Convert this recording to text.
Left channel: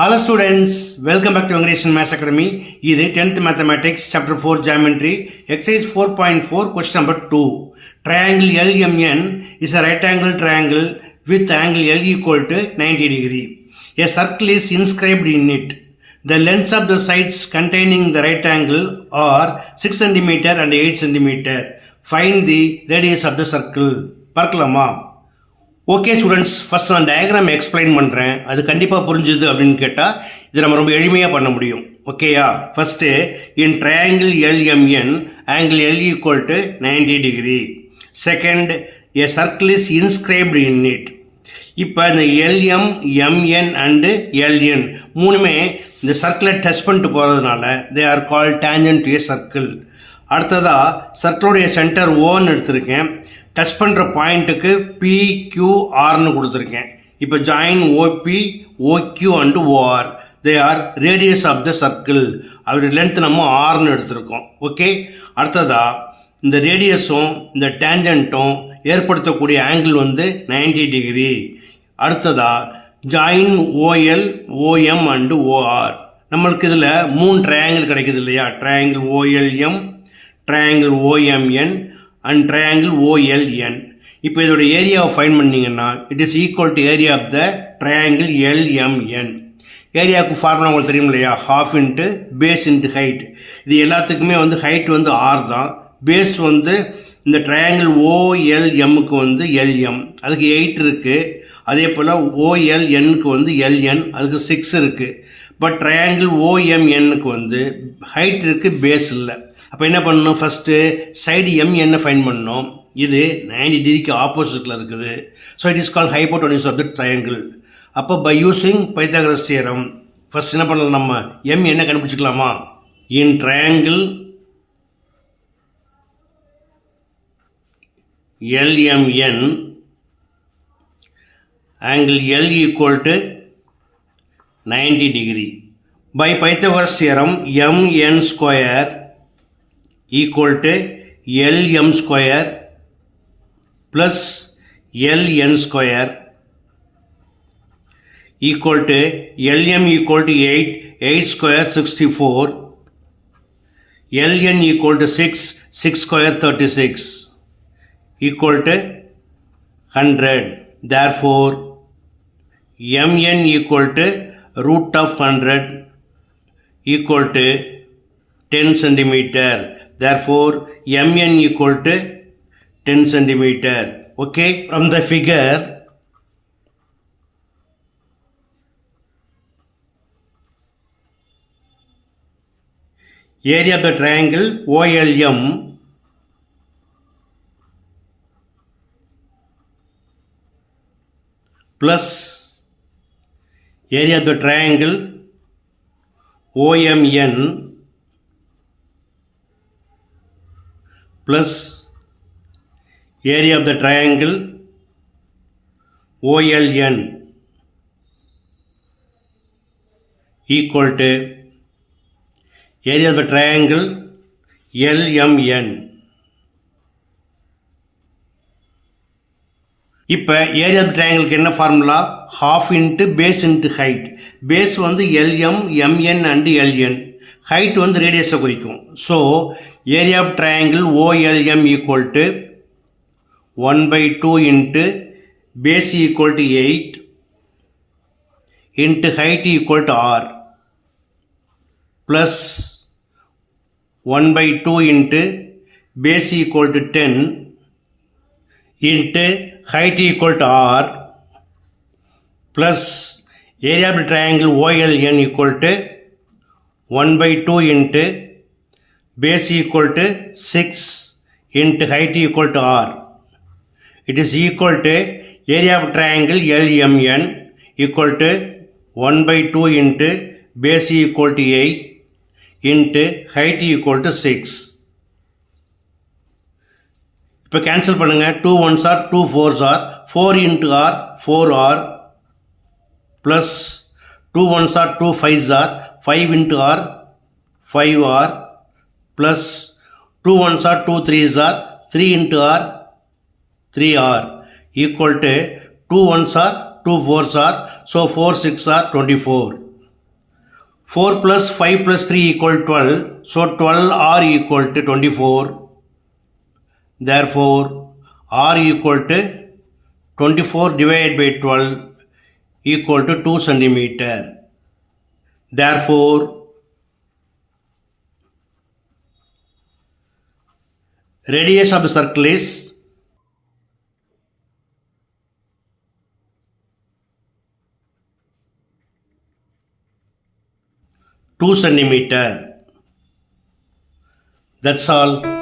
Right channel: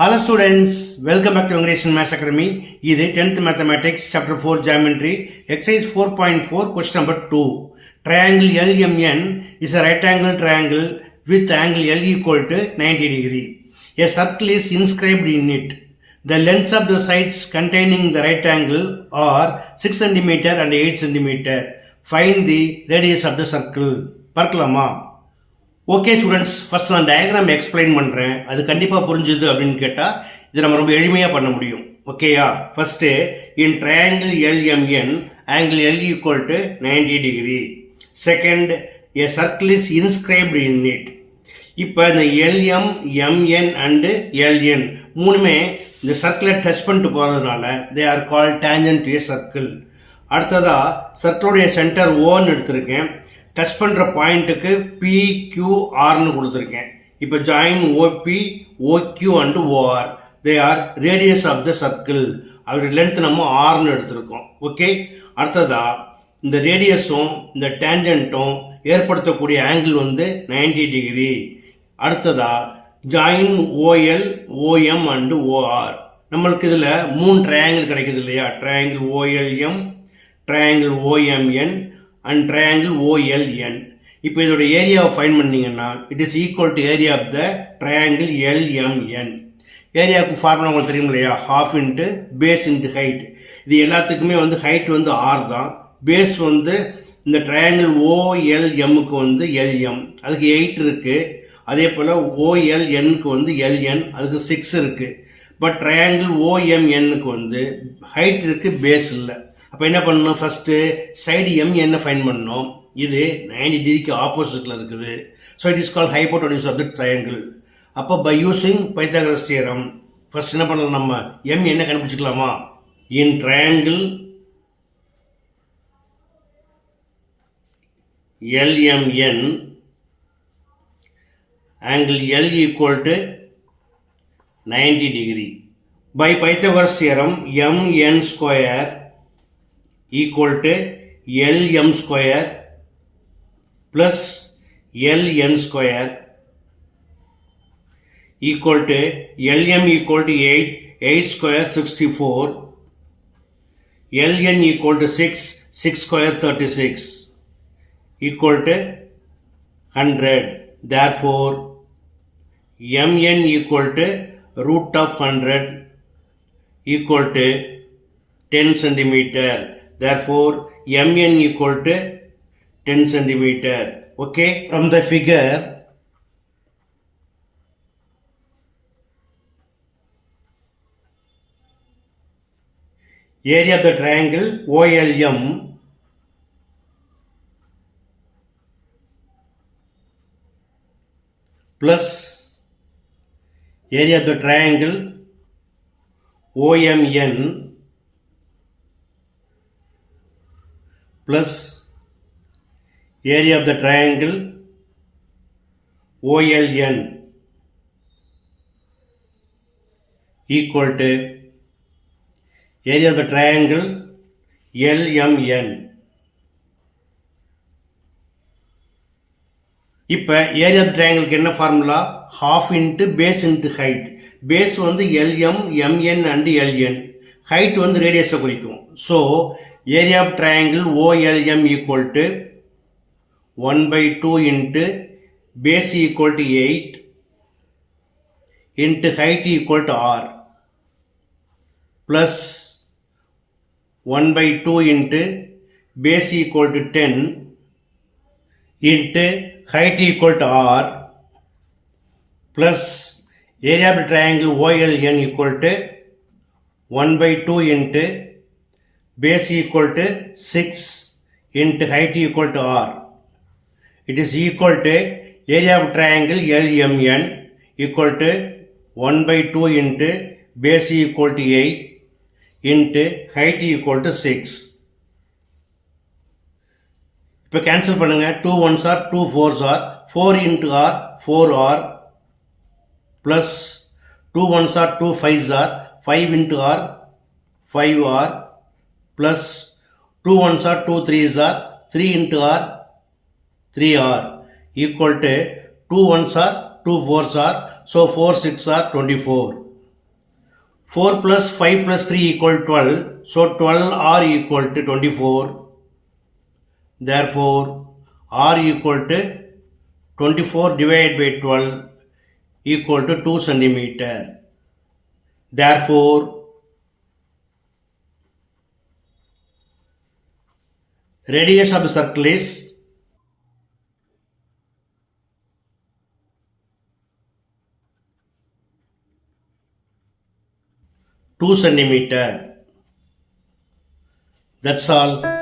Hello students, welcome back to English Maths Academy. இது 10th Mathematics Chapter 4 Geometry Exercise 4.4 Question number 2. Triangle LMN is a right angle triangle with angle L equal to 90 degree. A circle is inscribed in it. The lengths of the sides containing the right angle are 6 cm and 8 cm. Find the radius of the circle. பார்க்கலாமா? Okay students, first நான் diagram explain பண்ணுறேன். அது கண்டிப்பாக புரிஞ்சுது அப்படின்னு கேட்டால் இது நம்ம ரொம்ப எளிமையாக பண்ண முடியும். ஓகேயா? ஃபஸ்ட்டு இன் triangle LMN angle L equal to 90 degree. Second, a circle is inscribed in it. இப்போ இந்த எல்எம், எம்என் அண்டு எல்என் மூணுமே இந்த சர்க்கிளை டச் பண்ணிட்டு போகிறதுனால they are call tangent to a circle. அடுத்ததாக சர்க்கிளுடைய சென்டர் ஓன்னு எடுத்திருக்கேன். டச் பண்ணுற பாயிண்ட்டுக்கு பிக்யூஆர்னு கொடுத்துருக்கேன். இப்போ join OP, OQ and OR they are radius of the circle. அதோடைய லென்த் நம்ம ஆர்னு எடுத்திருக்கோம். ஓகே, அடுத்ததா இந்த ரேடியஸும் இந்த டேஞ்சன்ட்டும் ஏற்படுத்தக்கூடிய ஆங்கிள் வந்து 90 டிகிரி. அடுத்ததா join O L, O M and O R. நம்மளுக்கு இதில் 3 ட்ரையாங்கிள் கிடைக்குது இல்லையா? Triangle O L M, triangle O M N and triangle O L N. இப்போ இதோட ஏரியாவை ஃபைண்ட் பண்ணிங்கன்னா it is equal to area of the triangle L M N. ஏரியாவுக்கு ஃபார்முலா உங்களுக்கு தெரியும் இல்லையா? Half into base into height. இது எல்லாத்துக்குமே வந்து ஹைட் வந்து ஆர் தான், பேஸ் வந்து இந்த ட்ரையாங்கிள் ஓஎல்எம்முக்கு வந்து எல்எம், அதுக்கு 8 இருக்குது. அதே போல் ஓஎல்என்னுக்கு வந்து எல்என், அதுக்கு 6 இருக்குது. பட் ட்ரையாங்கிள் ஓஎம்என்னுக்கு வந்து ஹைட் இருக்குது, பேஸ் இல்லை. அப்போ என்ன பண்ணணும்? ஃபஸ்ட்டு சைடு எம்என்னை ஃபைண்ட் பண்ணணும். இது 90 டிகிரிக்கு ஆப்போசிட்டில் இருக்குது. So it is call hypotenuse of the triangle. அப்போ by using Pythagoras theorem first என்ன பண்ணலாம்? நம்ம எம்என்னை கண்டுபிடிச்சிக்கலாமா? In triangle L M N angle L equal to 90 degree. By Pythagoras theorem, mn square equal to lm square plus ln square equal to lm equal to 8 square 64, ln equal to 6 square 36 equal to 100. Therefore mn equal to root of 100 equal to 10 centimeter. Therefore mn equal to 10 centimeter. Okay, from the figure area of the triangle OLM plus area of the triangle OMN plus area of the triangle OLN equal to area of the triangle LMN. இப்போ area of ட்ரையாங்கிளுக்கு என்ன formula? Half into base into height. Base வந்து L M, M N and L N, height வந்து ரேடியஸை குறிக்கும். So area of triangle O L M equal to 1/2 into base equal to 8 into height equal to R plus 1/2 into base equal to 10 into height equal to r plus area of the triangle OLN equal to 1/2 into base equal to 6 into height equal to r. It is equal to area of triangle LMN equal to 1/2 into base equal to 8 into height equal to 6. இப்போ கேன்சல் பண்ணுங்கள். 2 1s are 2 4s are 4 into r 4r plus 2 1s are 2 5s are 5 into r 5r plus 2 1s are 2 3s are 3 into r 3r equal to 2 1s are 2 4s are, so 4 6 are 24. 4 plus 5 plus 3 equal 12. So 12R equal to 24. Therefore, R equal to 24 divided by 12 equal to 2 centimeter. Therefore, radius of the circle is 2 centimeter. That's all.